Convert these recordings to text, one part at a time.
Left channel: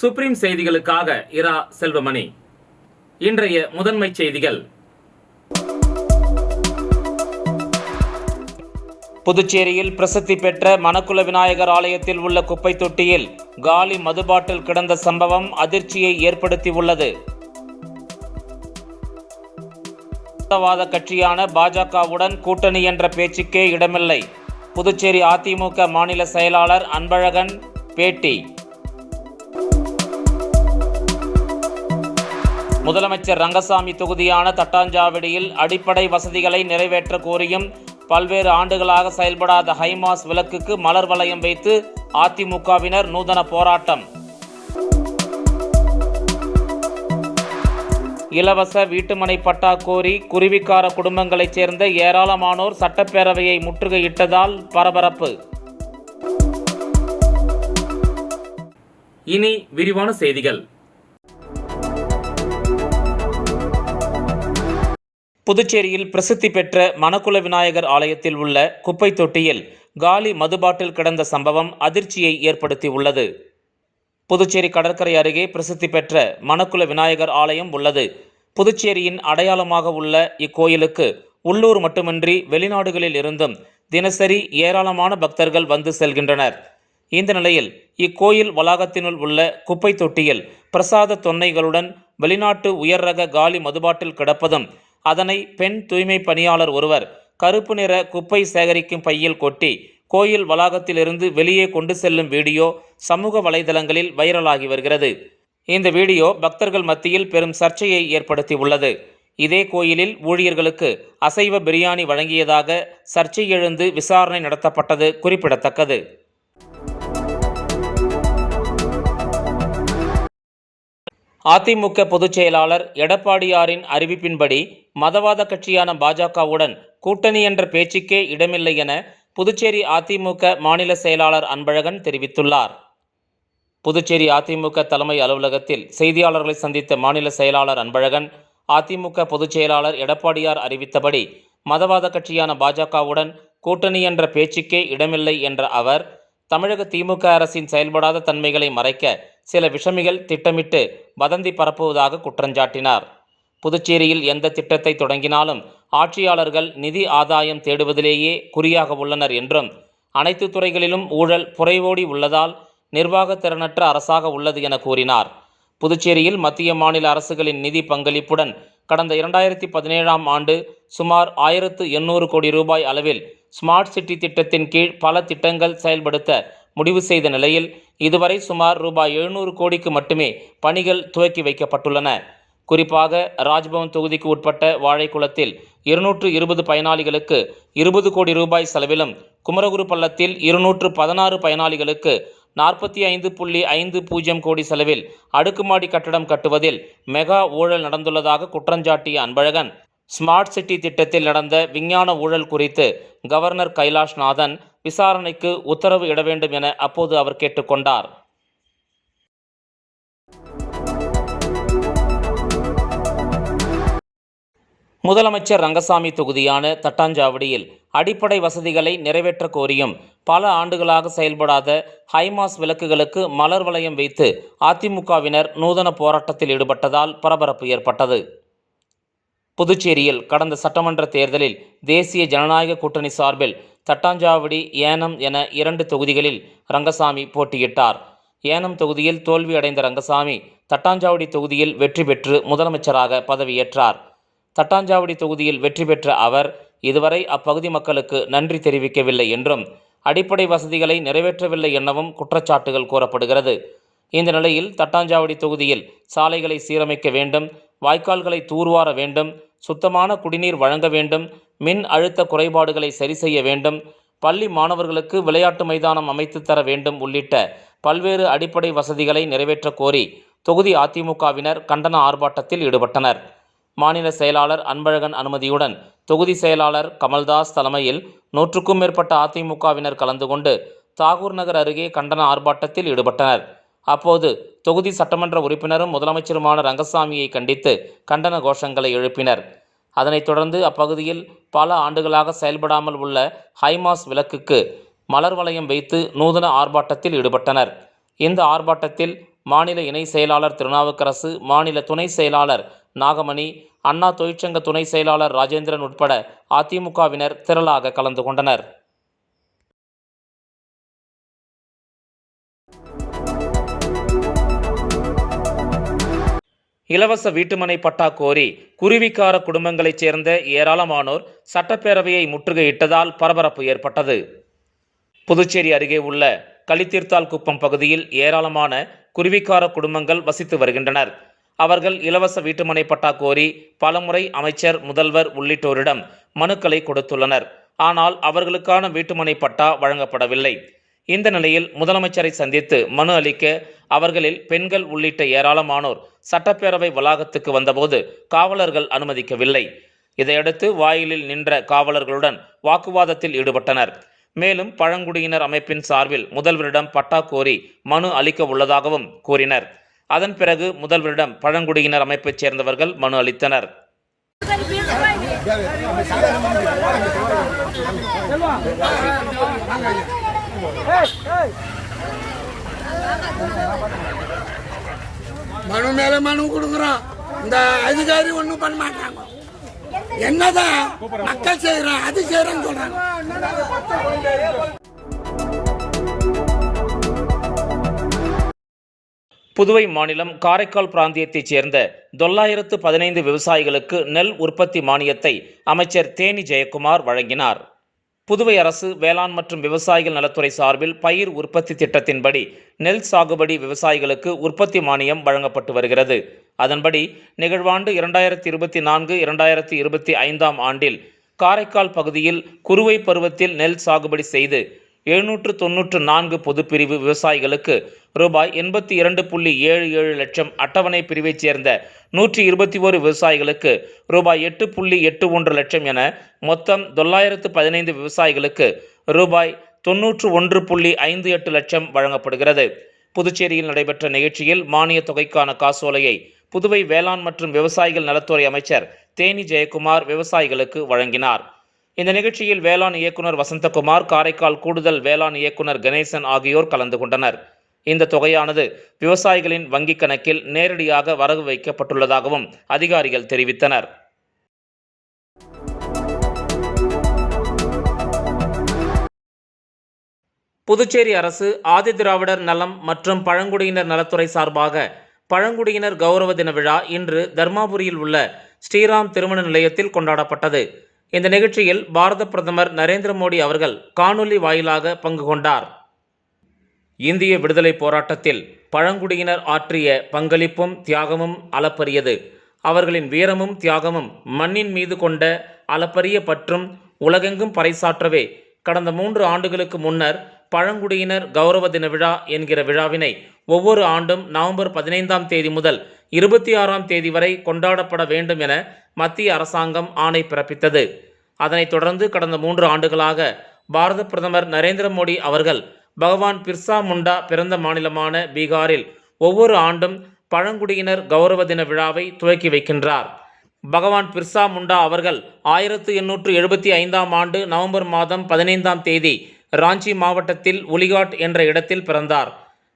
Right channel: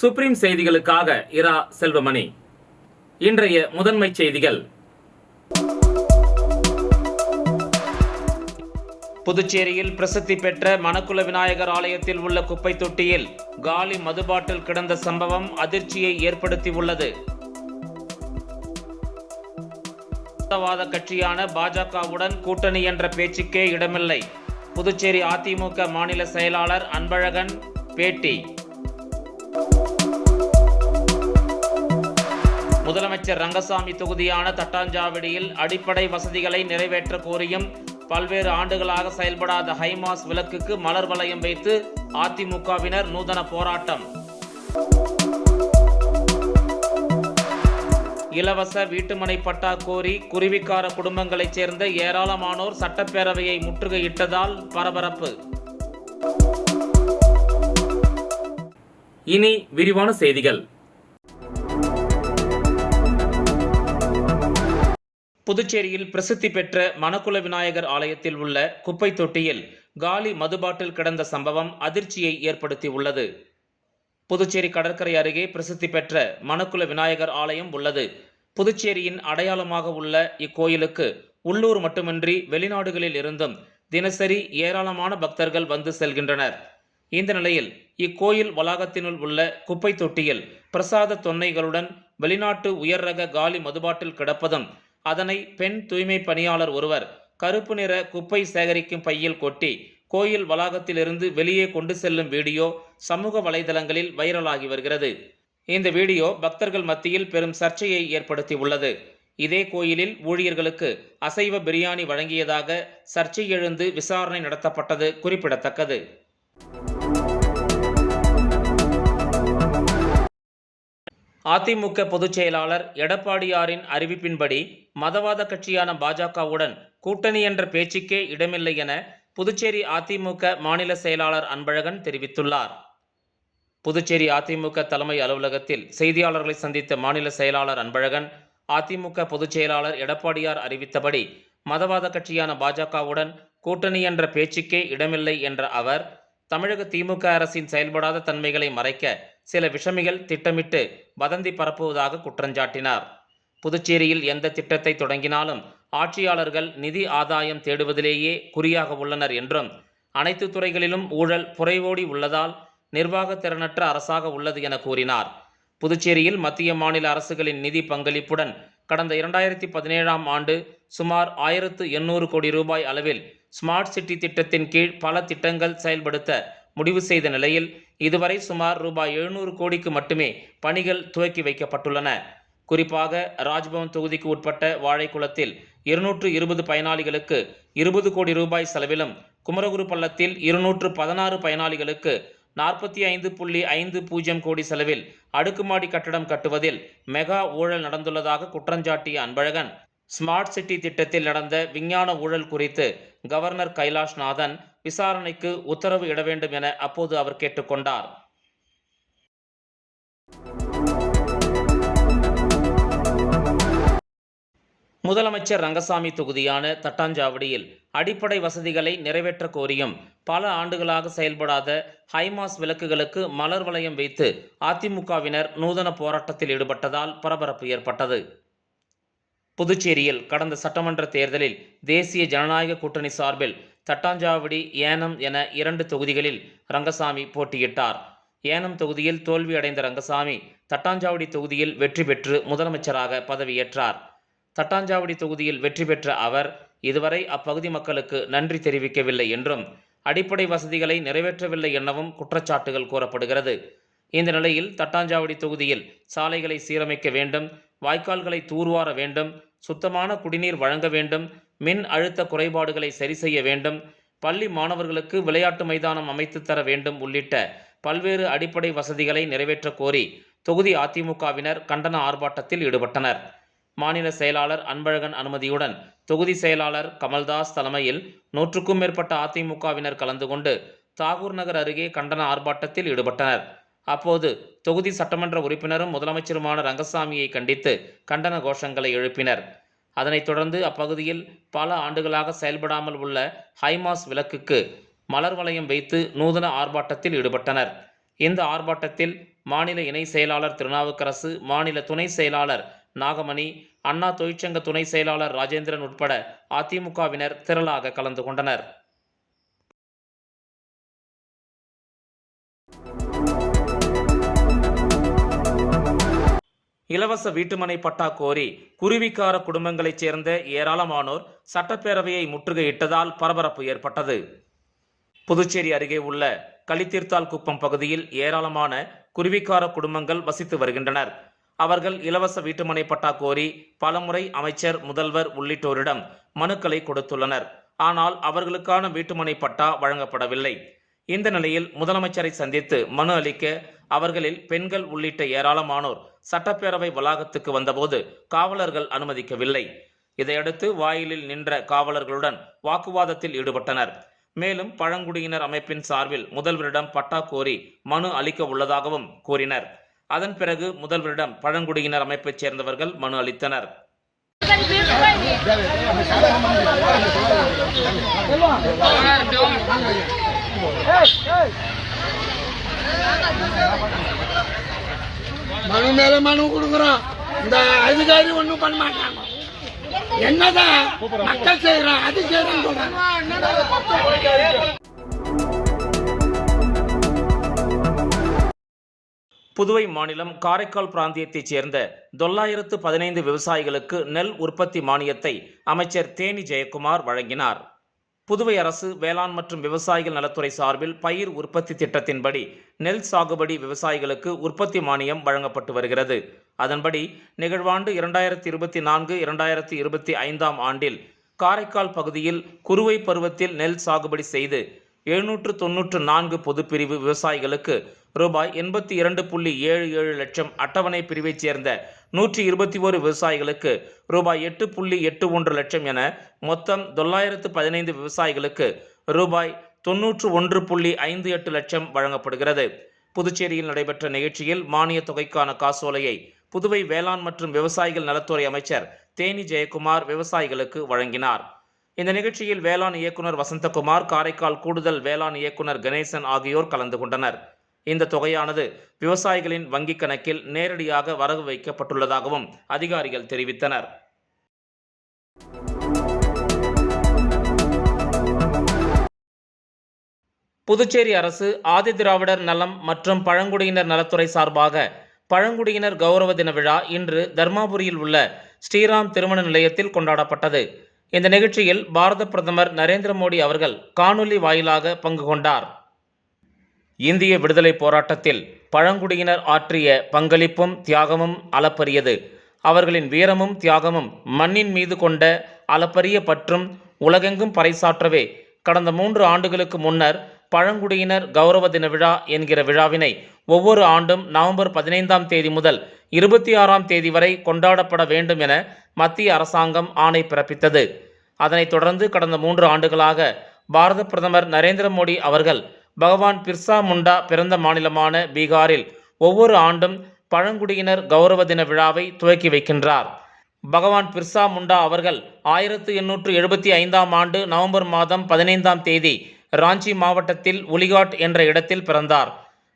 Supreme செய்திகளுக்காக இரா செல்வமணி. இன்றைய முதன்மை செய்திகள். புதுச்சேரியில் பிரசித்தி பெற்ற மணக்குள விநாயகர் ஆலயத்தில் உள்ள குப்பை தொட்டியில் காலி மதுபாட்டில் கிடந்த சம்பவம் அதிர்ச்சியை ஏற்படுத்தியுள்ளது. வாத கட்சியான பாஜகவுடன் கூட்டணி என்ற பேச்சுக்கே இடமில்லை. புதுச்சேரி அதிமுக மாநில செயலாளர் அன்பழகன் பேட்டி. முதலமைச்சர் ரங்கசாமி தொகுதியான தட்டாஞ்சாவடியில் அடிப்படை வசதிகளை நிறைவேற்ற கோரியும் பல்வேறு ஆண்டுகளாக செயல்படாத ஹைமாஸ் விளக்குக்கு மலர் வளையம் வைத்து அதிமுகவினர் நூதன போராட்டம். இலவச வீட்டுமனை பட்டா கோரி குருவிக்கார குடும்பங்களைச் சேர்ந்த ஏராளமானோர் சட்டப்பேரவையை முற்றுகையிட்டதால் பரபரப்பு. இனி விரிவான செய்திகள். புதுச்சேரியில் பிரசித்தி பெற்ற மணக்குள விநாயகர் ஆலயத்தில் உள்ள குப்பை தொட்டியில் காலி மதுபாட்டில் கிடந்த சம்பவம் அதிர்ச்சியை ஏற்படுத்தியுள்ளது. புதுச்சேரி கடற்கரை அருகே பிரசித்தி பெற்ற மணக்குள விநாயகர் ஆலயம் உள்ளது. புதுச்சேரியின் அடையாளமாக உள்ள இக்கோயிலுக்கு உள்ளூர் மட்டுமின்றி வெளிநாடுகளில் இருந்தும் தினசரி ஏராளமான பக்தர்கள் வந்து செல்கின்றனர். இந்த நிலையில் இக்கோயில் வளாகத்தினுள் உள்ள குப்பை தொட்டியில் பிரசாத தொன்னைகளுடன் வெளிநாட்டு உயர் ரக காலி மதுபாட்டில் கிடப்பதும், அதனை பெண் தூய்மை பணியாளர் ஒருவர் கருப்பு நிற குப்பை சேகரிக்கும் பையில் கொட்டி கோயில் வளாகத்திலிருந்து வெளியே கொண்டு செல்லும் வீடியோ சமூக வலைதளங்களில் வைரலாகி வருகிறது. இந்த வீடியோ பக்தர்கள் மத்தியில் பெரும் சர்ச்சையை ஏற்படுத்தியுள்ளது. இதே கோயிலில் ஊழியர்களுக்கு அசைவ பிரியாணி வழங்கியதாக சர்ச்சை எழுந்து விசாரணை நடத்தப்பட்டது குறிப்பிடத்தக்கது. அதிமுக பொதுச் செயலாளர் எடப்பாடியாரின் அறிவிப்பின்படி மதவாத கட்சியான பாஜகவுடன் கூட்டணி என்ற பேச்சுக்கே இடமில்லை என புதுச்சேரி அதிமுக மாநில செயலாளர் அன்பழகன் தெரிவித்துள்ளார். புதுச்சேரி அதிமுக தலைமை அலுவலகத்தில் செய்தியாளர்களை சந்தித்த மாநில செயலாளர் அன்பழகன், அதிமுக பொதுச் செயலாளர் எடப்பாடியார் அறிவித்தபடி மதவாத கட்சியான பாஜகவுடன் கூட்டணி என்ற பேச்சுக்கே இடமில்லை என்ற அவர், தமிழக திமுக அரசின் செயல்படாத தன்மைகளை மறைக்க சில விஷமிகள் திட்டமிட்டு வதந்தி பரப்புவதாக குற்றஞ்சாட்டினார். புதுச்சேரியில் எந்த திட்டத்தை தொடங்கினாலும் ஆட்சியாளர்கள் நிதி ஆதாயம் தேடுவதிலேயே குறியாக உள்ளனர் என்றும், அனைத்து துறைகளிலும் ஊழல் புரைவோடி உள்ளதால் நிர்வாக திறனற்ற அரசாக உள்ளது என கூறினார். புதுச்சேரியில் மத்திய மாநில அரசுகளின் நிதி பங்களிப்புடன் கடந்த 2017ஆம் ஆண்டு சுமார் 1800 கோடி ரூபாய் அளவில் ஸ்மார்ட் சிட்டி திட்டத்தின் கீழ் பல திட்டங்கள் செயல்படுத்த முடிவு செய்த நிலையில் இதுவரை சுமார் ரூபாய் 700 கோடிக்கு மட்டுமே பணிகள் துவக்கி வைக்கப்பட்டுள்ளன. குறிப்பாக ராஜ்பவன் தொகுதிக்கு உட்பட்ட வாழைக்குளத்தில் 220 பயனாளிகளுக்கு 20 கோடி ரூபாய் செலவிலும், குமரகுரு பள்ளத்தில் 216 பயனாளிகளுக்கு 45.50 கோடி செலவில் அடுக்குமாடி கட்டடம் கட்டுவதில் மெகா ஊழல் நடந்துள்ளதாக குற்றஞ்சாட்டிய அன்பழகன், ஸ்மார்ட் சிட்டி திட்டத்தில் நடந்த விஞ்ஞான ஊழல் குறித்து கவர்னர் கைலாஷ்நாதன் விசாரணைக்கு உத்தரவு இட வேண்டும் என அப்போது அவர் கேட்டுக்கொண்டார். முதலமைச்சர் ரங்கசாமி தொகுதியான தட்டாஞ்சாவடியில் அடிப்படை வசதிகளை நிறைவேற்ற கோரியும் பல ஆண்டுகளாக செயல்படாத ஹைமாஸ் விளக்குகளுக்கு மலர் வளையம் வைத்து அதிமுகவினர் நூதன போராட்டத்தில் ஈடுபட்டதால் பரபரப்பு ஏற்பட்டது. புதுச்சேரியில் கடந்த சட்டமன்ற தேர்தலில் தேசிய ஜனநாயக கூட்டணி சார்பில் தட்டாஞ்சாவடி, ஏனம் என 2 தொகுதிகளில் ரங்கசாமி போட்டியிட்டார். ஏனம் தொகுதியில் தோல்வி அடைந்த ரங்கசாமி தட்டாஞ்சாவடி தொகுதியில் வெற்றி பெற்று முதலமைச்சராக பதவியேற்றார். தட்டாஞ்சாவடி தொகுதியில் வெற்றி பெற்ற அவர் இதுவரை அப்பகுதி மக்களுக்கு நன்றி தெரிவிக்கவில்லை என்றும், அடிப்படை வசதிகளை நிறைவேற்றவில்லை எனவும் குற்றச்சாட்டுகள் கூறப்படுகிறது. இந்த நிலையில் தட்டாஞ்சாவடி தொகுதியில் சாலைகளை சீரமைக்க வேண்டும், வாய்க்கால்களை தூர்வார வேண்டும், சுத்தமான குடிநீர் வழங்க வேண்டும், மின் அழுத்த குறைபாடுகளை சரி செய்ய வேண்டும், பள்ளி மாணவர்களுக்கு விளையாட்டு மைதானம் அமைத்து தர வேண்டும் உள்ளிட்ட பல்வேறு அடிப்படை வசதிகளை நிறைவேற்ற கோரி தொகுதி அதிமுகவினர் கண்டன ஆர்ப்பாட்டத்தில் ஈடுபட்டனர். மாநில செயலாளர் அன்பழகன் அனுமதியுடன் தொகுதி செயலாளர் கமல்தாஸ் தலைமையில் 100க்கும் மேற்பட்ட அதிமுகவினர் கலந்து கொண்டு தாகூர் நகர் அருகே கண்டன ஆர்ப்பாட்டத்தில் ஈடுபட்டனர். அப்போது தொகுதி சட்டமன்ற உறுப்பினரும் முதலமைச்சருமான ரங்கசாமியை கண்டித்து கண்டன கோஷங்களை எழுப்பினர். அதனைத் தொடர்ந்து அப்பகுதியில் பல ஆண்டுகளாக செயல்படாமல் உள்ள ஹைமாஸ் விளக்குக்கு மலர் வளையம் வைத்து நூதன ஆர்ப்பாட்டத்தில் ஈடுபட்டனர். இந்த ஆர்ப்பாட்டத்தில் மாநில இணை செயலாளர் திருநாவுக்கரசு, மாநில துணை செயலாளர் நாகமணி, அண்ணா தொழிற்சங்க துணை செயலாளர் ராஜேந்திரன் உட்பட அதிமுகவினர் திரளாக கலந்து கொண்டனர். இலவச வீட்டுமனை பட்டா கோரி குருவிக்கார குடும்பங்களைச் சேர்ந்த ஏராளமானோர் சட்டப்பேரவையை முற்றுகையிட்டதால் பரபரப்பு ஏற்பட்டது. புதுச்சேரி அருகே உள்ள களித்தீர்த்தால் குப்பம் பகுதியில் ஏராளமான குருவிக்கார குடும்பங்கள் வசித்து வருகின்றனர். அவர்கள் இலவச வீட்டுமனை பட்டா கோரி பலமுறை அமைச்சர், முதல்வர் உள்ளிட்டோரிடம் மனுக்களை கொடுத்துள்ளனர். ஆனால் அவர்களுக்கான வீட்டுமனை பட்டா வழங்கப்படவில்லை. இந்த நிலையில் முதலமைச்சரை சந்தித்து மனு அளிக்க அவர்களில் பெண்கள் உள்ளிட்ட ஏராளமானோர் சட்டப்பேரவை வளாகத்துக்கு வந்தபோது காவலர்கள் அனுமதிக்கவில்லை. இதையடுத்து வாயிலில் நின்ற காவலர்களுடன் வாக்குவாதத்தில் ஈடுபட்டனர். மேலும் பழங்குடியினர் அமைப்பின் சார்பில் முதல்வரிடம் பட்டா கோரி மனு அளிக்க உள்ளதாகவும் கூறினர். அதன் பிறகு முதல்வரிடம் பழங்குடியினர் அமைப்பைச் சேர்ந்தவர்கள் மனு அளித்தனர். மனு மேல மனு கொடுக்குறோம். இந்த அதிகாரி ஒன்றும் பண்ண மாட்டாங்க. என்னதான் மக்கள் செய்யறோம் அது செய்யறோம் சொல்றாங்க. புதுவை மாநிலம் காரைக்கால் பிராந்தியத்தைச் சேர்ந்த 915 விவசாயிகளுக்கு நெல் உற்பத்தி மானியத்தை அமைச்சர் தேனி ஜெயக்குமார் வழங்கினார். புதுவை அரசு வேளாண் மற்றும் விவசாயிகள் நலத்துறை சார்பில் பயிர் உற்பத்தி திட்டத்தின்படி நெல் சாகுபடி விவசாயிகளுக்கு உற்பத்தி மானியம் வழங்கப்பட்டு வருகிறது. அதன்படி நிகழ்வாண்டு 2024-2025 ஆண்டில் காரைக்கால் பகுதியில் குறுவை பருவத்தில் நெல் சாகுபடி செய்து 794 பொதுப்பிரிவு விவசாயிகளுக்கு ரூபாய் 82.77 லட்சம், அட்டவணை பிரிவைச் சேர்ந்த 121 விவசாயிகளுக்கு ரூபாய் 8.81 லட்சம் என மொத்தம் 915 விவசாயிகளுக்கு ரூபாய் 91.58 லட்சம் வழங்கப்படுகிறது. புதுச்சேரியில் நடைபெற்ற நிகழ்ச்சியில் மானிய தொகைக்கான காசோலையை புதுவை வேளாண் மற்றும் விவசாயிகள் நலத்துறை அமைச்சர் தேனி ஜெயக்குமார் விவசாயிகளுக்கு வழங்கினார். இந்த நிகழ்ச்சியில் வேளாண் இயக்குனர் வசந்தகுமார், காரைக்கால் கூடுதல் வேளாண் இயக்குனர் கணேசன் ஆகியோர் கலந்து கொண்டனர். இந்த தொகையானது விவசாயிகளின் வங்கிக் கணக்கில் நேரடியாக வரவு வைக்கப்பட்டுள்ளதாகவும் அதிகாரிகள் தெரிவித்தனர். புதுச்சேரி அரசு ஆதிதிராவிடர் நலம் மற்றும் பழங்குடியினர் நலத்துறை சார்பாக பழங்குடியினர் கௌரவ தின விழா இன்று தர்மாபுரியில் உள்ள ஸ்ரீராம் திருமண நிலையத்தில் கொண்டாடப்பட்டது. இந்த நிகழ்ச்சியில் பாரத பிரதமர் நரேந்திர மோடி அவர்கள் காணொலி வாயிலாக பங்கு கொண்டார். இந்திய விடுதலை போராட்டத்தில் பழங்குடியினர் ஆற்றிய பங்களிப்பும் தியாகமும் அளப்பரியது. அவர்களின் வீரமும் தியாகமும் மண்ணின் மீது கொண்ட அளப்பரிய பற்றும் உலகெங்கும் பறைசாற்றவே கடந்த 3 ஆண்டுகளுக்கு முன்னர் பழங்குடியினர் கௌரவ தின விழா என்கிற விழாவினை ஒவ்வொரு ஆண்டும் நவம்பர் 15ஆம் தேதி முதல் 26ஆம் தேதி வரை கொண்டாடப்பட வேண்டும் என மத்திய அரசாங்கம் ஆணை பிறப்பித்தது. அதனைத் தொடர்ந்து கடந்த 3 ஆண்டுகளாக பாரத பிரதமர் நரேந்திர மோடி அவர்கள் பகவான் பிர்சா முண்டா பிறந்த மாநிலமான பீகாரில் ஒவ்வொரு ஆண்டும் பழங்குடியினர் கௌரவ தின விழாவை துவக்கி வைக்கின்றார். பகவான் பிர்சா முண்டா அவர்கள் 1875ஆம் ஆண்டு நவம்பர் மாதம் 15ஆம் தேதி ராஞ்சி மாவட்டத்தில் உலிகாட் என்ற இடத்தில் பிறந்தார்.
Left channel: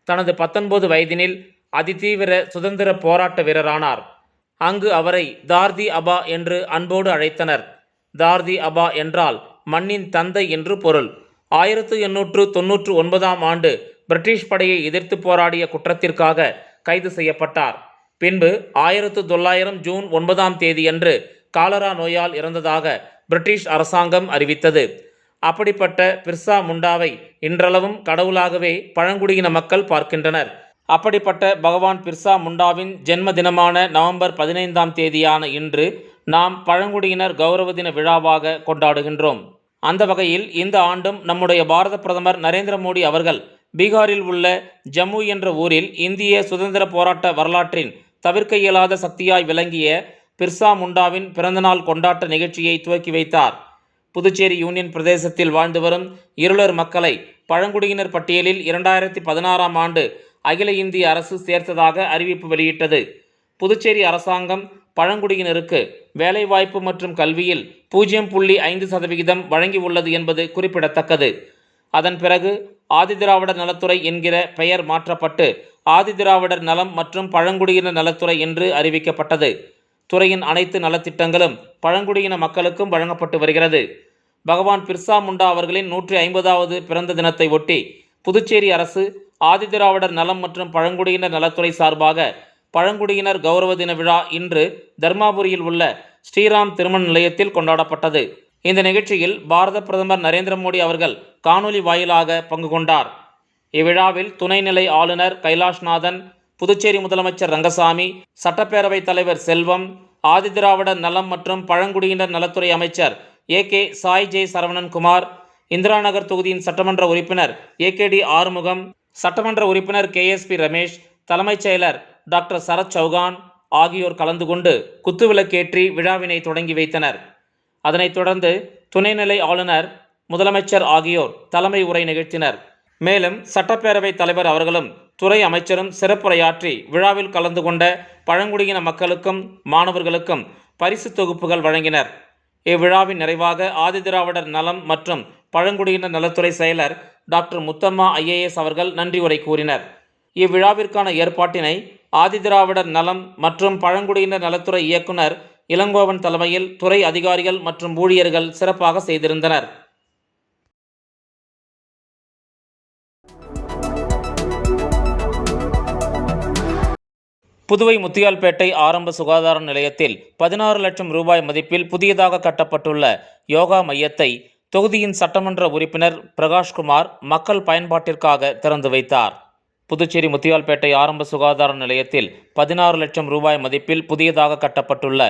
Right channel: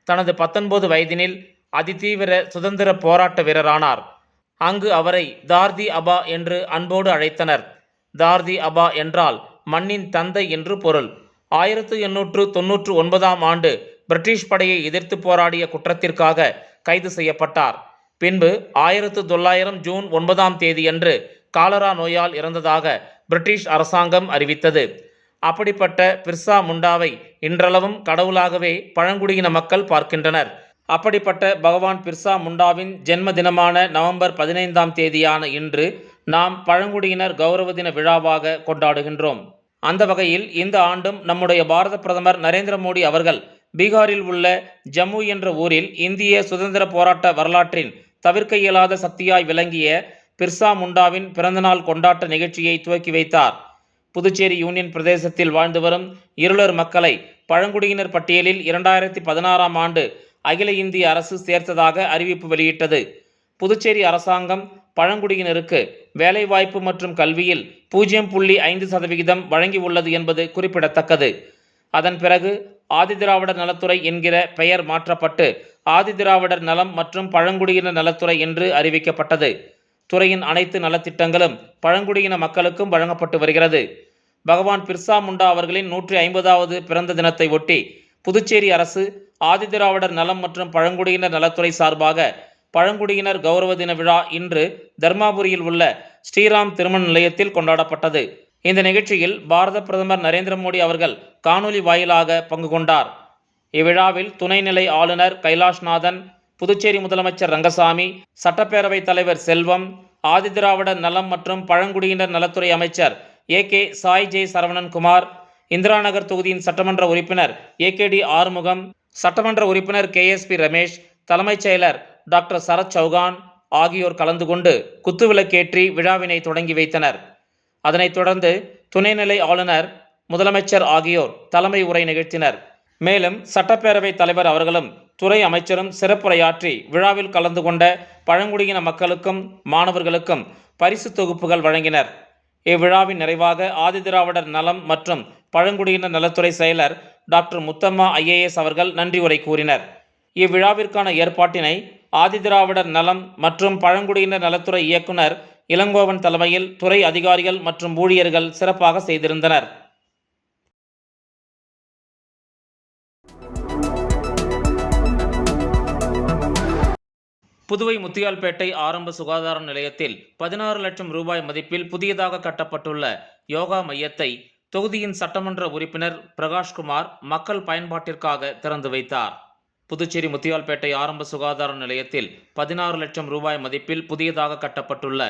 தனது 19 வயதினில் அதிதீவிர சுதந்திர போராட்ட வீரரானார். அங்கு அவரை தார்தி அபா என்று அன்போடு அழைத்தனர். தார்தி அபா என்றால் மண்ணின் தந்தை என்று பொருள். 1899ஆம் ஆண்டு பிரிட்டிஷ் படையை எதிர்த்து போராடிய குற்றத்திற்காக கைது செய்யப்பட்டார். பின்பு 1900 ஜூன் 9ஆம் தேதியன்று காலரா நோயால் இறந்ததாக பிரிட்டிஷ் அரசாங்கம் அறிவித்தது. அப்படிப்பட்ட பிர்சா முண்டாவை இன்றளவும் கடவுளாகவே பழங்குடியின மக்கள் பார்க்கின்றனர். அப்படிப்பட்ட பகவான் பிர்சா முண்டாவின் ஜென்ம தினமான நவம்பர் 15ஆம் தேதியான இன்று நாம் பழங்குடியினர் கௌரவ தின விழாவாக கொண்டாடுகின்றோம். அந்த வகையில் இந்த ஆண்டும் நம்முடைய பாரத பிரதமர் நரேந்திர மோடி அவர்கள் பீகாரில் உள்ள ஜம்மு என்ற ஊரில் இந்திய சுதந்திர போராட்ட வரலாற்றின் தவிர்க்க இயலாத சக்தியாய் விளங்கிய பிர்சா முண்டாவின் பிறந்தநாள் கொண்டாட்ட நிகழ்ச்சியை துவக்கி வைத்தார். புதுச்சேரி யூனியன் பிரதேசத்தில் வாழ்ந்து வரும் இருளர் மக்களை பழங்குடியினர் பட்டியலில் 2016ஆம் ஆண்டு அகில இந்திய அரசு சேர்த்ததாக அறிவிப்பு வெளியிட்டது. புதுச்சேரி அரசாங்கம் பழங்குடியினருக்கு வேலைவாய்ப்பு மற்றும் கல்வியில் 0.5% வழங்கியுள்ளது என்பது குறிப்பிடத்தக்கது. அதன் பிறகு ஆதிதிராவிடர் நலத்துறை என்கிற பெயர் மாற்றப்பட்டு ஆதிதிராவிடர் நலம் மற்றும் பழங்குடியினர் நலத்துறை என்று அறிவிக்கப்பட்டது. துறையின் அனைத்து நலத்திட்டங்களும் பழங்குடியின மக்களுக்கும் வழங்கப்பட்டு வருகிறது. பகவான் பிர்சா முண்டா அவர்களின் 150வது பிறந்த தினத்தை ஒட்டி புதுச்சேரி அரசு ஆதிதிராவிடர் நலம் மற்றும் பழங்குடியினர் நலத்துறை சார்பாக பழங்குடியினர் கௌரவ தின விழா இன்று தர்மாபுரியில் உள்ள ஸ்ரீராம் திருமண நிலையத்தில் கொண்டாடப்பட்டது. இந்த நிகழ்ச்சியில் பாரத பிரதமர் நரேந்திர மோடி அவர்கள் காணொலி வாயிலாக பங்கு கொண்டார். இவ்விழாவில் துணைநிலை ஆளுநர் கைலாஷ்நாதன், புதுச்சேரி முதலமைச்சர் ரங்கசாமி, சட்டப்பேரவைத் தலைவர் செல்வம், ஆதிதிராவிடர் நலம் மற்றும் பழங்குடியினர் நலத்துறை அமைச்சர் AK சாய் ஜே சரவணன்குமார், இந்திரா நகர் தொகுதியின் சட்டமன்ற உறுப்பினர் AKD ஆறுமுகம், சட்டமன்ற உறுப்பினர் KSP ரமேஷ், தலைமைச் செயலர் டாக்டர் சரத் சௌகான் ஆகியோர் கலந்து கொண்டு குத்துவிளக்கேற்றி விழாவினை தொடங்கி வைத்தனர். அதனைத் தொடர்ந்து துணைநிலை ஆளுநர், முதலமைச்சர் ஆகியோர் தலைமை உரை நிகழ்த்தினர். மேலும் சட்டப்பேரவைத் தலைவர் அவர்களும் துறை அமைச்சரும் சிறப்புரையாற்றி விழாவில் கலந்து கொண்ட பழங்குடியின மக்களுக்கும் மாணவர்களுக்கும் பரிசு தொகுப்புகள் வழங்கினர். இவ்விழாவின் நிறைவாக ஆதிதிராவிடர் நலம் மற்றும் பழங்குடியினர் நலத்துறை செயலர் டாக்டர் முத்தம்மா IAS அவர்கள் நன்றி உரை கூறினர். இவ்விழாவிற்கான ஏற்பாட்டினை ஆதிதிராவிடர் நலம் மற்றும் பழங்குடியினர் நலத்துறை இயக்குனர் இளங்கோவன் தலைமையில் துறை அதிகாரிகள் மற்றும் ஊழியர்கள் சிறப்பாக செய்திருந்தனர். புதுவை முத்தியால்பேட்டை ஆரம்ப சுகாதார நிலையத்தில் 16 லட்சம் ரூபாய் மதிப்பில் புதியதாக கட்டப்பட்டுள்ள யோகா மையத்தை தொகுதியின் சட்டமன்ற உறுப்பினர் பிரகாஷ்குமார் மக்கள் பயன்பாட்டிற்காக திறந்து வைத்தார். புதுச்சேரி முத்தியால்பேட்டை ஆரம்ப சுகாதார நிலையத்தில் 16 லட்சம் ரூபாய் மதிப்பில் புதியதாக கட்டப்பட்டுள்ள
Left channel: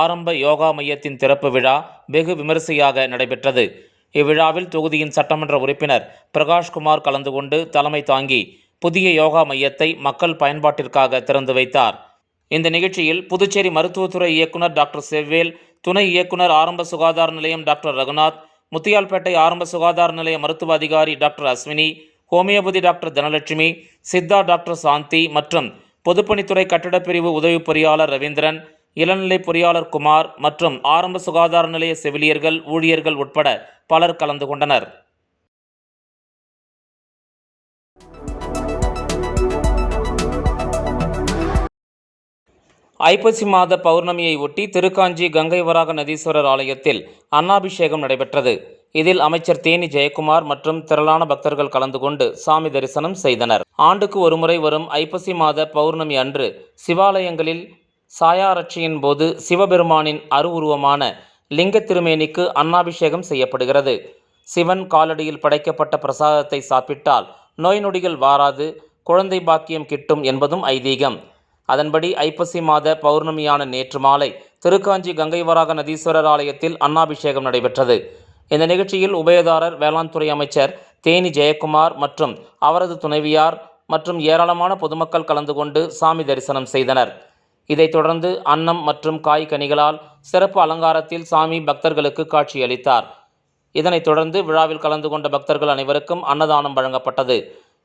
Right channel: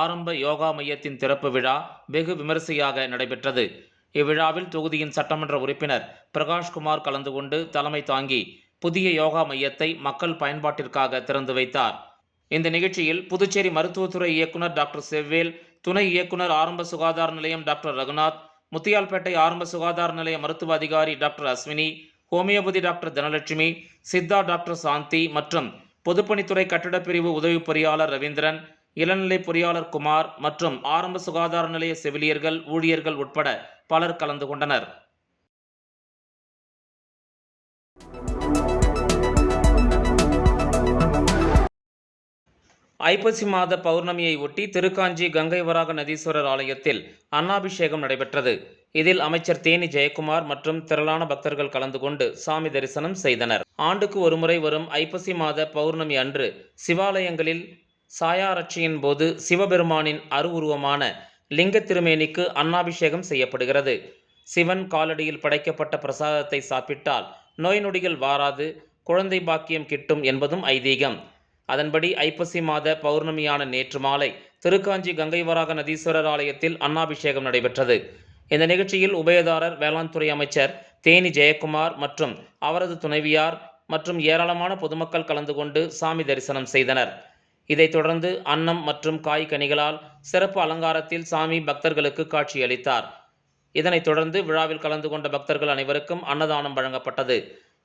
ஆரம்ப யோகா மையத்தின் திறப்பு விழா வெகு விமரிசையாக நடைபெற்றது. இவ்விழாவில் தொகுதியின் சட்டமன்ற உறுப்பினர் பிரகாஷ்குமார் கலந்து கொண்டு தலைமை தாங்கி புதிய யோகா மையத்தை மக்கள் பயன்பாட்டிற்காக திறந்து வைத்தார். இந்த நிகழ்ச்சியில் புதுச்சேரி மருத்துவத்துறை இயக்குனர் டாக்டர் செவ்வேல், துணை இயக்குனர் ஆரம்ப சுகாதார நிலையம் டாக்டர் ரகுநாத், முத்தியால்பேட்டை ஆரம்ப சுகாதார நிலைய மருத்துவ அதிகாரி doctor Ashwini, homeopathy doctor Dhanalakshmi, Siddha doctor Shanthi மற்றும் பொதுப்பணித்துறை கட்டிடப் பிரிவு உதவி பொறியாளர் ரவீந்திரன், இளநிலை பொறியாளர் குமார் மற்றும் ஆரம்ப சுகாதார நிலைய செவிலியர்கள், ஊழியர்கள் உட்பட பலர் கலந்து கொண்டனர். ஐப்பசி மாத பௌர்ணமியை ஒட்டி திருக்காஞ்சி கங்கை வராக நதீஸ்வரர் ஆலயத்தில் அன்னாபிஷேகம் நடைபெற்றது. இதில் அமைச்சர் தேனி ஜெயக்குமார் மற்றும் திரளான பக்தர்கள் கலந்து கொண்டு சாமி தரிசனம் செய்தனர். ஆண்டுக்கு ஒருமுறை வரும் ஐப்பசி மாத பௌர்ணமி அன்று சிவாலயங்களில் சாயாரட்சியின் போது சிவபெருமானின் அருவுருவமான லிங்க திருமேனிக்கு அன்னாபிஷேகம் செய்யப்படுகிறது. சிவன் காலடியில் படைக்கப்பட்ட பிரசாதத்தை சாப்பிட்டால் நோய் நொடிகள் வாராது, குழந்தை பாக்கியம் கிட்டும் என்பதும் ஐதீகம். அதன்படி ஐப்பசி மாத பௌர்ணமியான நேற்று மாலை திருக்காஞ்சி கங்கை வராக நதீஸ்வரர் ஆலயத்தில் அன்னாபிஷேகம் நடைபெற்றது. இந்த நிகழ்ச்சியில் உபயதாரர் வேளாண் துறை அமைச்சர் தேனி ஜெயக்குமார் மற்றும் அவரது துணைவியார் மற்றும் ஏராளமான பொதுமக்கள் கலந்து கொண்டு சாமி தரிசனம் செய்தனர். இதைத் தொடர்ந்து அன்னம் மற்றும் காய் கனிகளால் சிறப்பு அலங்காரத்தில் சாமி பக்தர்களுக்கு காட்சியளித்தார். இதனைத் தொடர்ந்து விழாவில் கலந்து கொண்ட பக்தர்கள் அனைவருக்கும் அன்னதானம் வழங்கப்பட்டது.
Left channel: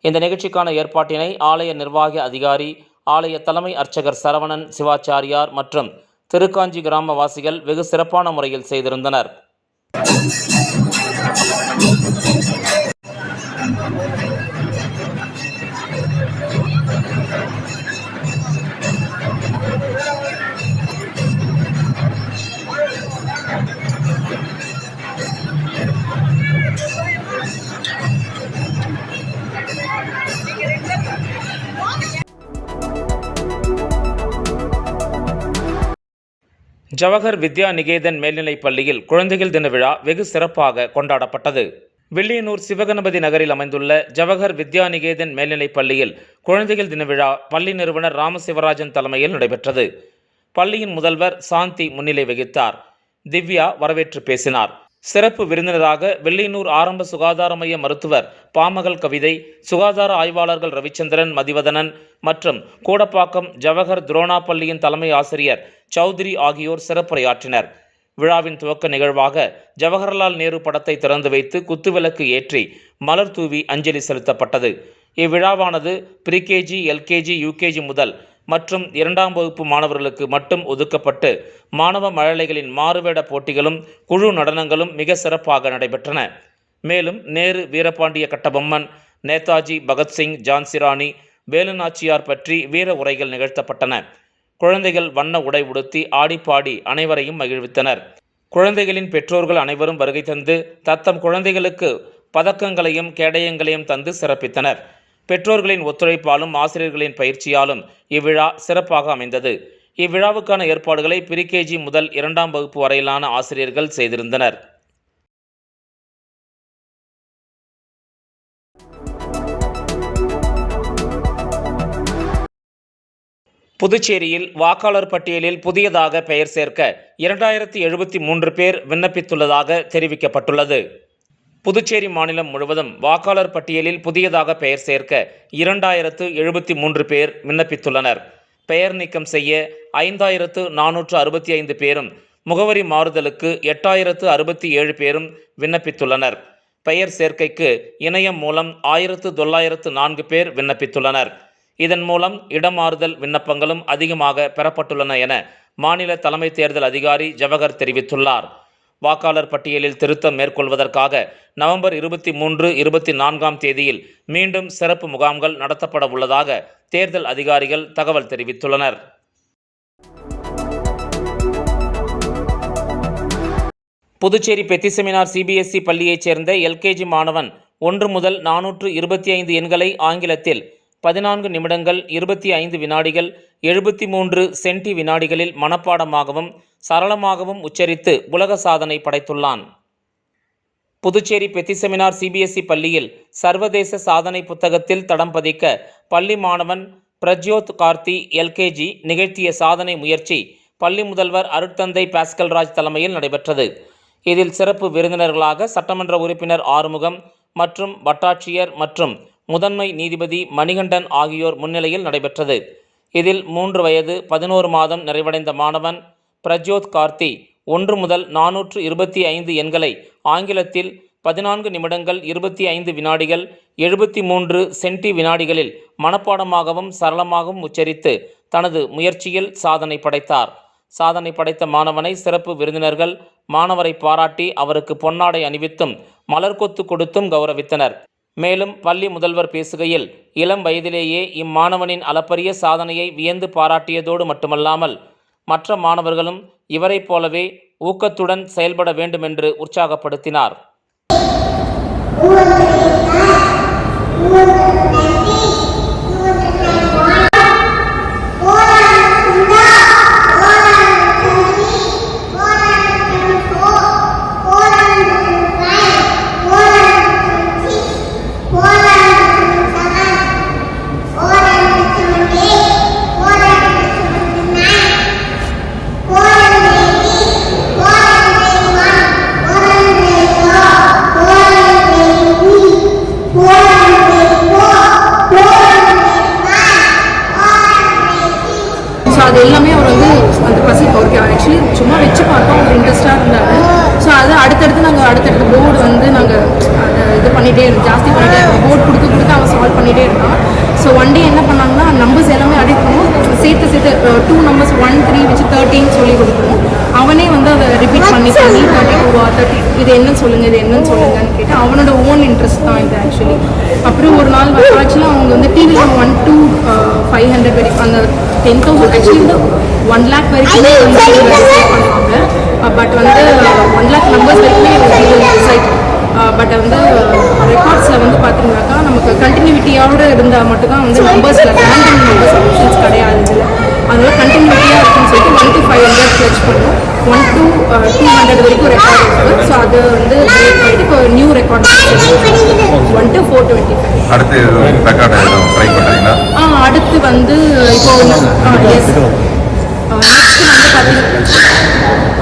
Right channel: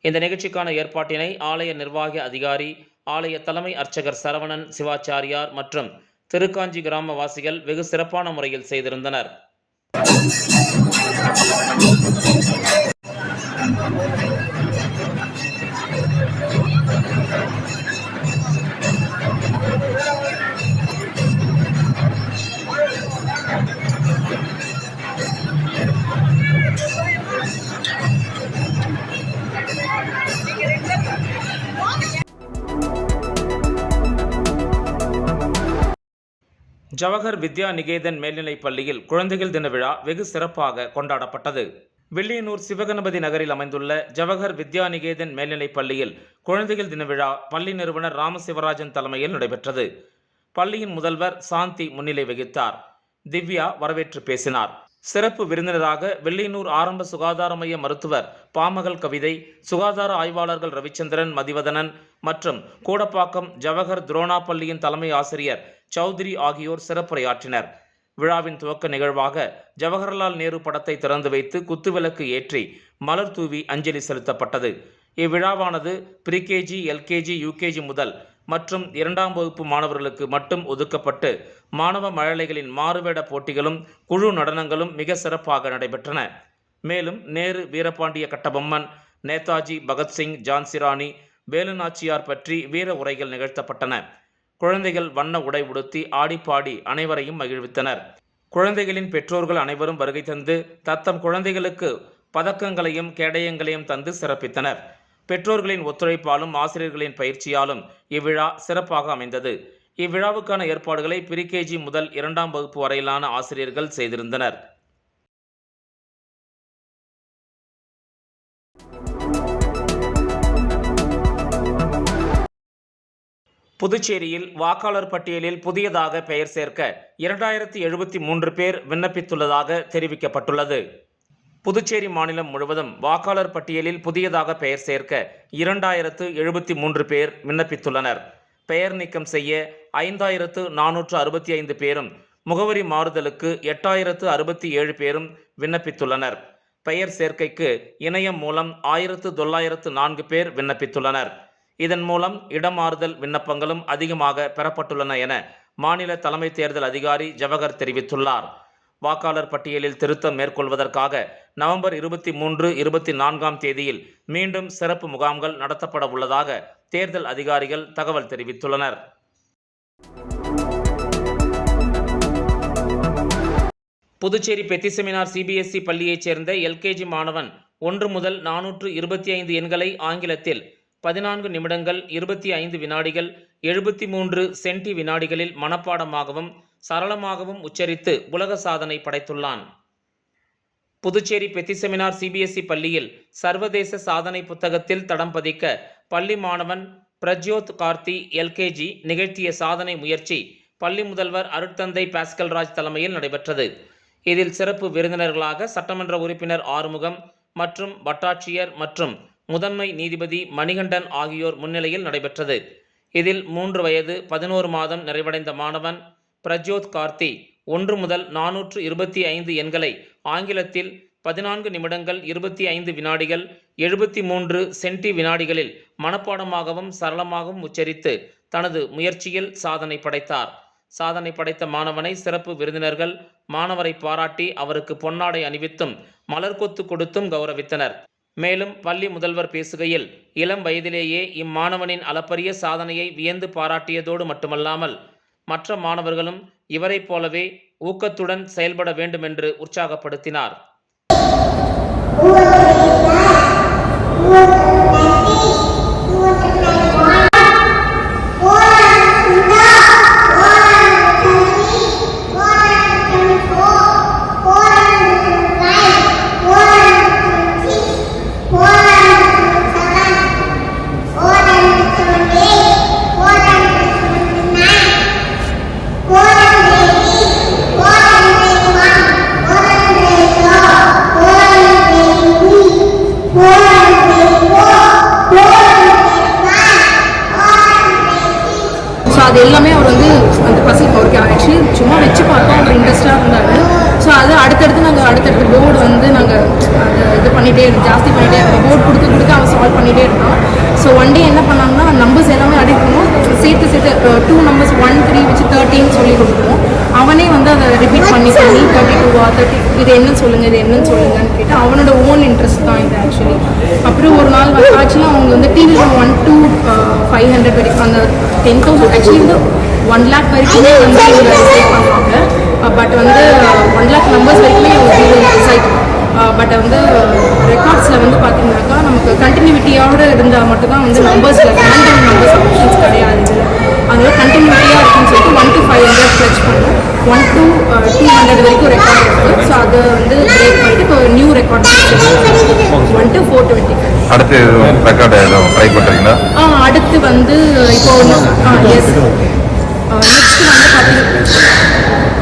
இந்த நிகழ்ச்சிக்கான ஏற்பாட்டினை ஆலய நிர்வாக அதிகாரி, ஆலய தலைமை அர்ச்சகர் சரவணன் சிவாச்சாரியார் மற்றும் திருக்காஞ்சி கிராமவாசிகள் வெகு சிறப்பான முறையில் செய்திருந்தனர். ஜவஹர் வித்யா நிகேதன் மேல்நிலைப் பள்ளியில் குழந்தைகள் தின விழா வெகு சிறப்பாக கொண்டாடப்பட்டது. வில்லியனூர் சிவகணபதி நகரில் அமைந்துள்ள ஜவஹர் வித்யா நிகேதன் மேல்நிலைப் பள்ளியில் குழந்தைகள் தின விழா பள்ளி நிறுவனர் ராமசிவராஜன் தலைமையில் நடைபெற்றது. பள்ளியின் முதல்வர் சாந்தி முன்னிலை வகித்தார். திவ்யா வரவேற்று பேசினார். சிறப்பு விருந்தினராக வில்லியனூர் ஆரம்ப சுகாதார மைய மருத்துவர் பாமகள் கவிதை, சுகாதார ஆய்வாளர்கள் ரவிச்சந்திரன், மதிவதனன் மற்றும் கூடப்பாக்கம் ஜவஹர் துரோணா பள்ளியின் தலைமை ஆசிரியர் சௌத்ரி ஆகியோர் சிறப்புரையாற்றினர். விழாவின் துவக்க நிகழ்வாக ஜவஹர்லால் நேரு படத்தை திறந்து வைத்து குத்துவிளக்கு ஏற்றி மலர் தூவி அஞ்சலி செலுத்தப்பட்டது. இவ்விழாவானது ப்ரீகேஜி, LKG, UKG முதல் மற்றும் 2ஆம் வகுப்பு மாணவர்களுக்கு மட்டும் ஒதுக்கப்பட்டு மாணவ மழலைகளின் மாறுவேட போட்டிகளும் குழு நடனங்களும் மிக சிறப்பாக நடைபெற்றன. மேலும் நேரு, வீரபாண்டிய கட்டபொம்மன், நேதாஜி பகத்சிங், ஜான்சிராணி, வேலுநாச்சியார் பற்றி வீர உரைகள் நிகழ்த்தப்பட்டன. குழந்தைகள் வண்ண உடை உடுத்தி ஆடிப்பாடி அனைவரையும் மகிழ்வித்தனர். குழந்தைகளின் பெற்றோர்கள் அனைவரும் வருகை தந்து தத்தம் குழந்தைகளுக்கு பதக்கங்களையும் கேடயங்களையும் தந்து சிறப்பித்தனர். பெற்றோர்களின் ஒத்துழைப்பாலும் ஆசிரியர்களின் பயிற்சியாலும் இவ்விழா சிறப்பாக அமைந்தது. இவ்விழாவுக்கான ஏற்பாடுகளை ப்ரீகேஜி முதல் 2ஆம் வகுப்பு வரையிலான ஆசிரியர்கள் செய்திருந்தனர். புதுச்சேரியில் வாக்காளர் பட்டியலில் புதியதாக பெயர் சேர்க்க 2073 பேர் விண்ணப்பித்துள்ளதாக தெரிவிக்கப்பட்டுள்ளது. புதுச்சேரி மாநிலம் முழுவதும் வாக்காளர் பட்டியலில் புதியதாக பெயர் சேர்க்க 2073 பேர் விண்ணப்பித்துள்ளனர். பெயர் நீக்கம் செய்ய 5465 பேரும், முகவரி மாறுதலுக்கு 8067 பேரும் விண்ணப்பித்துள்ளனர். பெயர் சேர்க்கைக்கு இணையம் மூலம் 1904 பேர் விண்ணப்பித்துள்ளனர். இதன் மூலம் இடமாறுதல் விண்ணப்பங்களும் அதிகமாக பெறப்பட்டுள்ளன என மாநில தலைமை தேர்தல் அதிகாரி ஜவஹர் தெரிவித்துள்ளார். வாக்காளர் பட்டியலில் திருத்தம் மேற்கொள்வதற்காக நவம்பர் 23, 24ஆம் தேதியில் மீண்டும் சிறப்பு முகாம்கள் நடத்தப்பட உள்ளதாக தேர்தல் அதிகாரிகள் தகவல் தெரிவித்துள்ளனர். புதுச்சேரி பெத்திசெமினார் சிபிஎஸ்இ பள்ளியைச் சேர்ந்த எல்கேஜி மாணவன் 1 முதல் 425 எண்களை ஆங்கிலத்தில் 14 நிமிடங்கள் 25 வினாடிகள் 73 சென்டி வினாடிகளில் மனப்பாடமாகவும் சரளமாகவும் உச்சரித்து உலக சாதனை படைத்துள்ளான். புதுச்சேரி பெத்திசெமினார் சிபிஎஸ்இ பள்ளியில் சர்வதேச சாதனை புத்தகத்தில் தடம் பதிக்க பள்ளி மாணவன் பிரஜ்யோத் கார்த்தி எல்கேஜி நிகழ்த்திய சாதனை முயற்சி பள்ளி முதல்வர் அருட்தந்தை பாஸ்கல்ராஜ் தலைமையில் நடைபெற்றது. இதில் சிறப்பு விருந்தினர்களாக சட்டமன்ற உறுப்பினர் ஆறுமுகம் மற்றும் வட்டாட்சியர் மற்றும் முதன்மை நீதிபதி மணிகண்டன் ஆகியோர் முன்னிலையில் நடைபெற்றது. இதில் 3 வயது 11 மாதம் நிறைவடைந்த மாணவன் பிரஜ்யோத் கார்த்தி 1 முதல் 425 எண்களை ஆங்கிலத்தில் 14 நிமிடங்கள் 25 வினாடிகள் 73 சென்டி வினாடிகளில் மனப்பாடமாகவும் சரளமாகவும் உச்சரித்து தனது முயற்சியில் சாதனை படைத்தார். சாதனை படைத்த மாணவனை சிறப்பு விருந்தினர்கள் மாணவரை பாராட்டி அவருக்கு பொன்னாடை அணிவித்தும் மலர்கொத்து கொடுத்தும் கௌரவித்தனர். மேலும் பள்ளி முதல்வர் பேசுகையில் இளம் வயதிலேயே இம்மாணவனின் அளப்பரிய சாதனையை வியந்து பாராட்டியதோடு மட்டுமல்லாமல் மற்ற மாணவர்களும் இவரைப் போலவே ஊக்கத்துடன் செயல்பட வேண்டுமென்று உற்சாகப்படுத்தினார். ஸோ அது எல்லாமே அவர் வந்து அந்த பசங்க அவருக்கு ஆக்சுவலி சும்மா வச்சு பார்த்தோம், அவர் இன்ட்ரெஸ்டாக இருந்தார். ஸோ அது அடுத்தடுத்த போர்டு வந்து நாங்கள் அதை இது பண்ணிகிட்டே இருந்தோம், ஜாஸ்தி பண்ணிகிட்டே இருந்தோம். போர்டு கொடுக்க அவன் சால்வ் பண்ணிகிட்டே இருந்தான். ஸோ ஒன் டே என்ன பண்ணாங்கன்னா நம்பர்ஸ் எல்லாமே அடிக்கணும், சேர்த்து 2 நம்பர்ஸ் 1, 3 வச்சு 13 சொல்லி கொடுத்துருவோம். அவனே வந்து அதை ரிப்பீட் பண்ணி 32 30 இது என்னன்னு சொல்லுங்கன்னு கேட்டு அவனோட ஓன் இன்ட்ரெஸ்ட் தான் இது ஆக்சுவலி. அப்புறம் ஒரு நாள் ஆக்சுவலாக அவங்க வந்து டிவியில் 1 to 500 வரைக்கும் அந்த 10,000 ஆக்சுவலி வந்து 1 lakh வரைக்குமே வந்து செட் பண்ணுவாங்க. பட் வந்து 1 lakh நம்பர்ஸ் வரைக்குமே சைட். பட் வந்து ரெக்கார்ட்ஸில் வந்து பார்த்தீங்கன்னாக்கா நமக்கு கண்டினியூட்டியோடு இருந்தால் மட்டும்தான் வந்து நம்பர்ஸில் ரேண்டம் நம்பர்ஸ் ஆப்ஷன்ஸ் கிடையாது இதில். அதனால கண்டினியூட்டியாக இருக்குன்னு சொல்லிட்டு 1 to 500 ஃப்ளெச் பண்ணோம். 1 to 200 வரைக்கும் ரெக்கார்ட் இருக்குது. ஸோ அதை வந்து பிரேக் பண்ணிட்டு இப்போ நியூ ரெக்கார்ட் 1 to 425. அடுத்து வந்து இப்போ எஸ்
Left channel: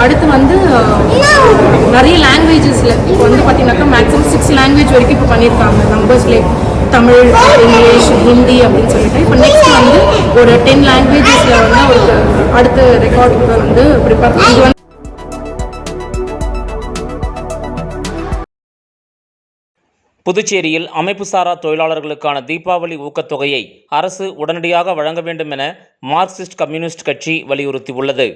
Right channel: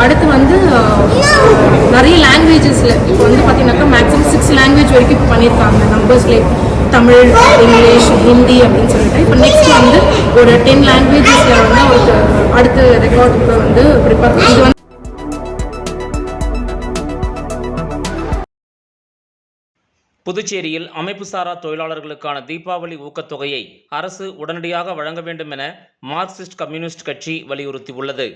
அடுத்து வந்து நிறைய லாங்குவேஜஸில் இப்போ வந்து பார்த்தீங்கன்னாக்கா மேக்ஸிமம் 6 லாங்குவேஜ் வரைக்கும் இப்போ பண்ணியிருக்காங்க நம்பர்ஸ்லேயே. தமிழ், இங்கிலீஷ், ஹிந்தி அப்படின்னு சொல்லிட்டு இப்போ நெக்ஸ்ட் வந்து ஒரு 10 லாங்குவேஜஸில் வந்து அவருக்கு அடுத்த ரெக்கார்ட் கூட வந்து ப்ரிப்பேர் இது வந்து. புதுச்சேரியில் அமைப்புசாரா தொழிலாளர்களுக்கான தீபாவளி ஊக்கத்தொகையை அரசு உடனடியாக வழங்க வேண்டும் என மார்க்சிஸ்ட் கம்யூனிஸ்ட் கட்சி வலியுறுத்தியுள்ளது.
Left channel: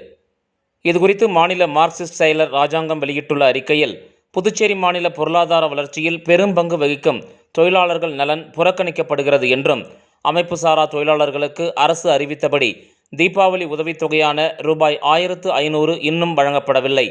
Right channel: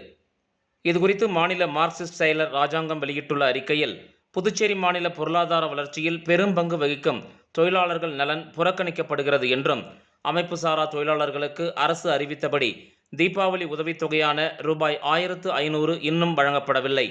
இதுகுறித்து மாநில மார்க்சிஸ்ட் செயலர் ராஜாங்கம் வெளியிட்டுள்ள அறிக்கையில், புதுச்சேரி மாநில பொருளாதார வளர்ச்சியில் பெரும் பங்கு வகிக்கும் தொழிலாளர்கள் நலன் புறக்கணிக்கப்படுகிறது என்றும் அமைப்பு சாரா தொழிலாளர்களுக்கு அரசு அறிவித்தபடி தீபாவளி உதவித்தொகையான ரூபாய் 1500 இன்னும் வழங்கப்படவில்லை.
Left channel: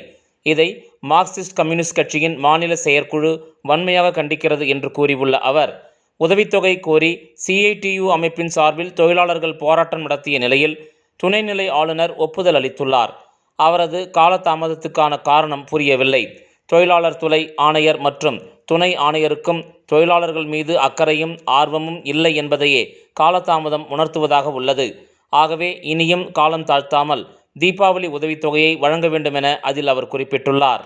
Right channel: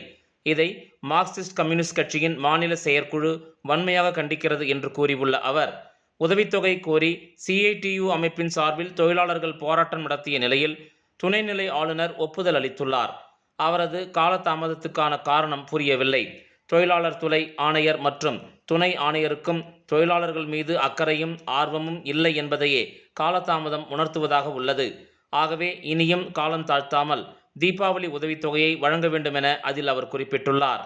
இதை மார்க்சிஸ்ட் கம்யூனிஸ்ட் கட்சியின் மாநில செயற்குழு வன்மையாக கண்டிக்கிறது என்று கூறியுள்ள அவர், உதவித்தொகை கோரி CITU அமைப்பின் சார்பில் தொழிலாளர்கள் போராட்டம் நடத்திய நிலையில் துணைநிலை ஆளுநர் ஒப்புதல் அளித்துள்ளார். அவரது காலதாமதத்துக்கான காரணம் புரியவில்லை. தொழிலாளர் துறை ஆணையர் மற்றும் துணை ஆணையருக்கும் தொழிலாளர்கள் மீது அக்கறையும் ஆர்வமும் இல்லை என்பதையே காலதாமதம் உணர்த்துவதாக உள்ளது. ஆகவே இனியும் காலம் தாழ்த்தாமல் தீபாவளி உதவித்தொகையை வழங்க வேண்டும் என அதில் அவர் குறிப்பிட்டுள்ளார்.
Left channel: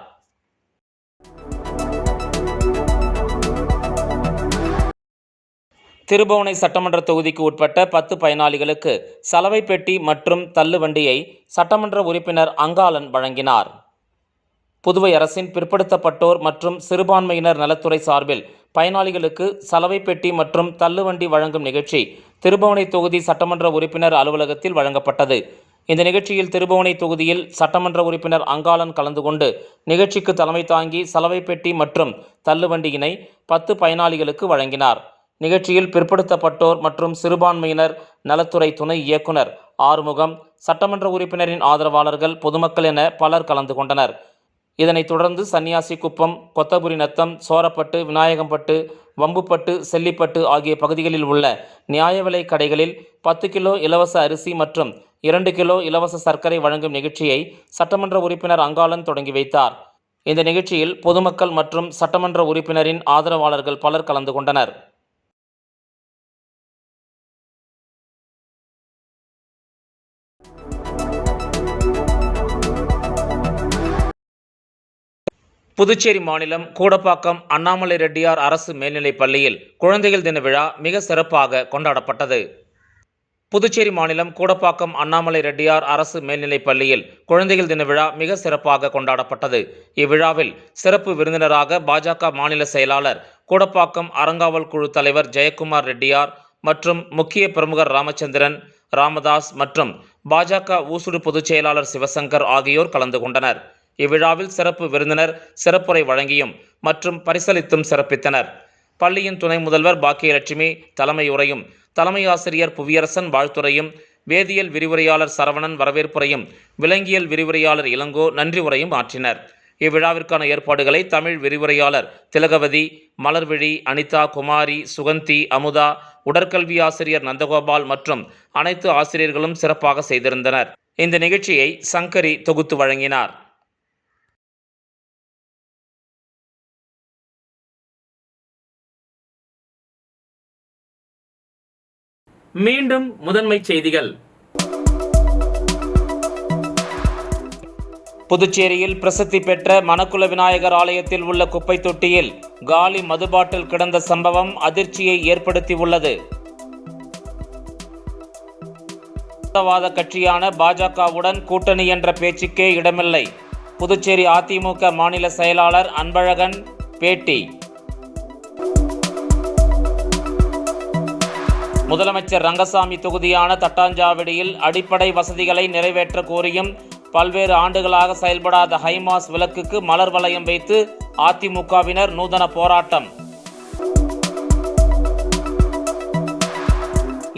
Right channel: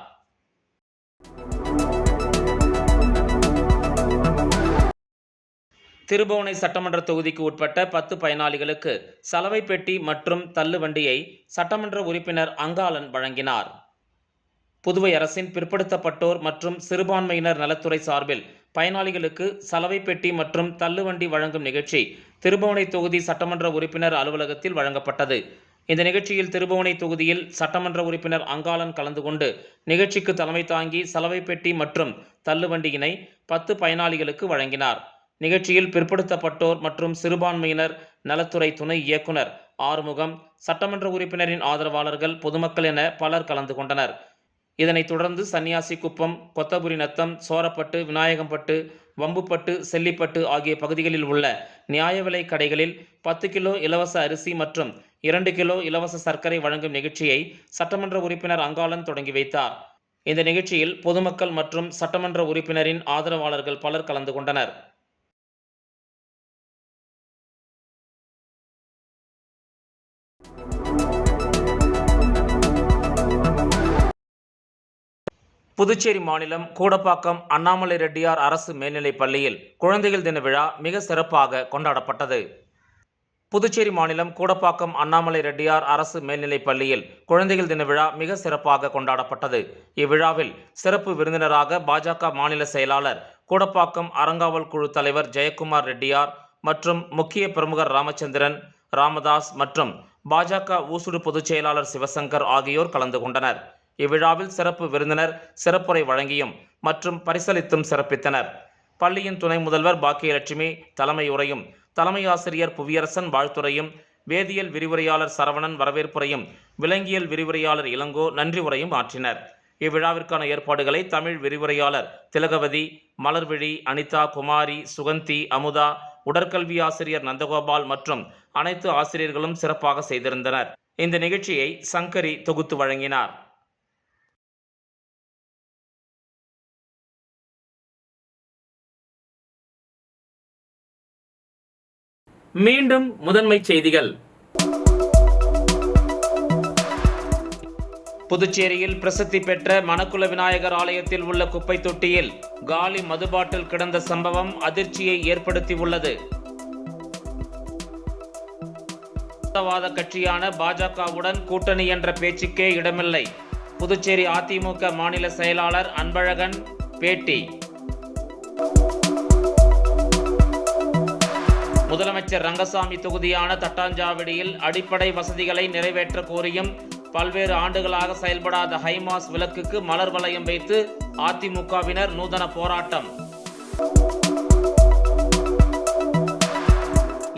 திருபுவனை சட்டமன்ற தொகுதிக்கு உட்பட்ட 10 பயனாளிகளுக்கு சலவை பெட்டி மற்றும் தள்ளுவண்டியை சட்டமன்ற உறுப்பினர் அங்காளன் வழங்கினார். புதுவை அரசின் பிற்படுத்தப்பட்டோர் மற்றும் சிறுபான்மையினர் நலத்துறை சார்பில் பயனாளிகளுக்கு சலவை பெட்டி மற்றும் தள்ளுவண்டி வழங்கும் நிகழ்ச்சி திருபுவனை தொகுதி சட்டமன்ற உறுப்பினர் அலுவலகத்தில் வழங்கப்பட்டது. இந்த நிகழ்ச்சியில் திருபுவனை தொகுதியில் சட்டமன்ற உறுப்பினர் அங்காளன் கலந்து கொண்டு நிகழ்ச்சிக்கு தலைமை தாங்கி சலவை பெட்டி மற்றும் தள்ளுவண்டியினை 10 பயனாளிகளுக்கு வழங்கினார். நிகழ்ச்சியில் பிற்படுத்தப்பட்டோர் மற்றும் சிறுபான்மையினர் நலத்துறை துணை இயக்குனர் ஆறுமுகம், சட்டமன்ற உறுப்பினரின் ஆதரவாளர்கள், பொதுமக்கள் என பலர் கலந்து கொண்டனர். இதனைத் தொடர்ந்து சன்னியாசிக்குப்பம், கொத்தபுரி நத்தம், சோரப்பட்டு, விநாயகம்பட்டு, வம்புப்பட்டு, செல்லிப்பட்டு ஆகிய பகுதிகளில் உள்ள நியாய விலை கடைகளில் 10 கிலோ இலவச அரிசி மற்றும் 2 கிலோ இலவச சர்க்கரை வழங்கும் நிகழ்ச்சியை சட்டமன்ற உறுப்பினர் அங்காளன் தொடங்கி வைத்தார். இந்த நிகழ்ச்சியில் பொதுமக்கள் மற்றும் சட்டமன்ற உறுப்பினரின் ஆதரவாளர்கள் பலர் கலந்து கொண்டனர். புதுச்சேரி மாநிலம் கூடப்பாக்கம் அண்ணாமலை ரெட்டியார் அரசு மேல்நிலைப் பள்ளியில் குழந்தைகள் தின விழா மிக சிறப்பாக கொண்டாடப்பட்டது. புதுச்சேரி மாநிலம் கூடப்பாக்கம் அண்ணாமலை ரெட்டியார் அரசு மேல்நிலைப் பள்ளியில் குழந்தைகள் தின விழா மிக சிறப்பாக கொண்டாடப்பட்டது. இவ்விழாவில் சிறப்பு விருந்தினராக பாஜக மாநில செயலாளர், கூடப்பாக்கம் அறங்காவல் குழு தலைவர் ஜெயக்குமார் ரெட்டியார் மற்றும் முக்கிய பிரமுகர் ராமச்சந்திரன், ராமதாஸ் மற்றும் பாஜக ஊசுடு பொதுச் செயலாளர் சிவசங்கர் ஆகியோர் கலந்து கொண்டனர். இவ்விழாவில் சிறப்பு விருந்தினர் சிறப்புரை வழங்கியும் மற்றும் பரிசளித்தும் சிறப்பித்தனர். பள்ளியின் துணை முதல்வர் பாக்கியலட்சுமி தலைமை உரையும், தலைமை ஆசிரியர் புவியரசன் வாழ்த்துரையும், வேதியியல் விரிவுரையாளர் சரவணன் வரவேற்புரையும், விலங்கியல் விரிவுரையாளர் இளங்கோ நன்றி உரையும் ஆற்றினர். இவ்விழாவிற்கான ஏற்பாடுகளை தமிழ் விரிவுரையாளர் திலகவதி, மலர்விழி, அனிதா, குமாரி, சுகந்தி, அமுதா, உடற்கல்வி ஆசிரியர் நந்தகோபால் மற்றும் அனைத்து ஆசிரியர்களும் சிறப்பாக செய்திருந்தனர். இந்த நிகழ்ச்சியை சங்கரி தொகுத்து வழங்கினார். மீண்டும் முதன்மை செய்திகள். புதுச்சேரியில் பிரசித்தி பெற்ற மணக்குள விநாயகர் ஆலயத்தில் உள்ள குப்பை தொட்டியில் காலி மதுபாட்டில் கிடந்த சம்பவம் அதிர்ச்சியை ஏற்படுத்தியுள்ளது. வாத கட்சியான பாஜகவுடன் கூட்டணி என்ற பேச்சுக்கே இடமில்லை. புதுச்சேரி அதிமுக மாநில செயலாளர் அன்பழகன் பேட்டி. முதலமைச்சர் ரங்கசாமி தொகுதியான தட்டாஞ்சாவடியில் அடிப்படை வசதிகளை நிறைவேற்ற கோரியும் பல்வேறு ஆண்டுகளாக செயல்படாத ஹைமாஸ் விளக்குக்கு மலர் வளையம் வைத்து அதிமுகவினர் நூதன போராட்டம்.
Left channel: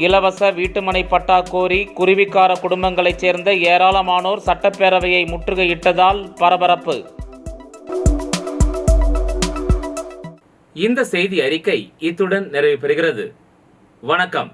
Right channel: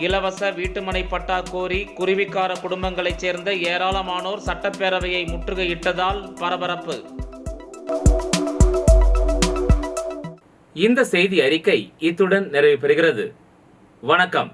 இலவச வீட்டுமனை பட்டா கோரி குருவிக்கார குடும்பங்களைச் சேர்ந்த ஏராளமானோர் சட்டப்பேரவையை முற்றுகையிட்டதால் பரபரப்பு. இந்த செய்தி அறிக்கை இத்துடன் நிறைவு பெறுகிறது. வணக்கம்.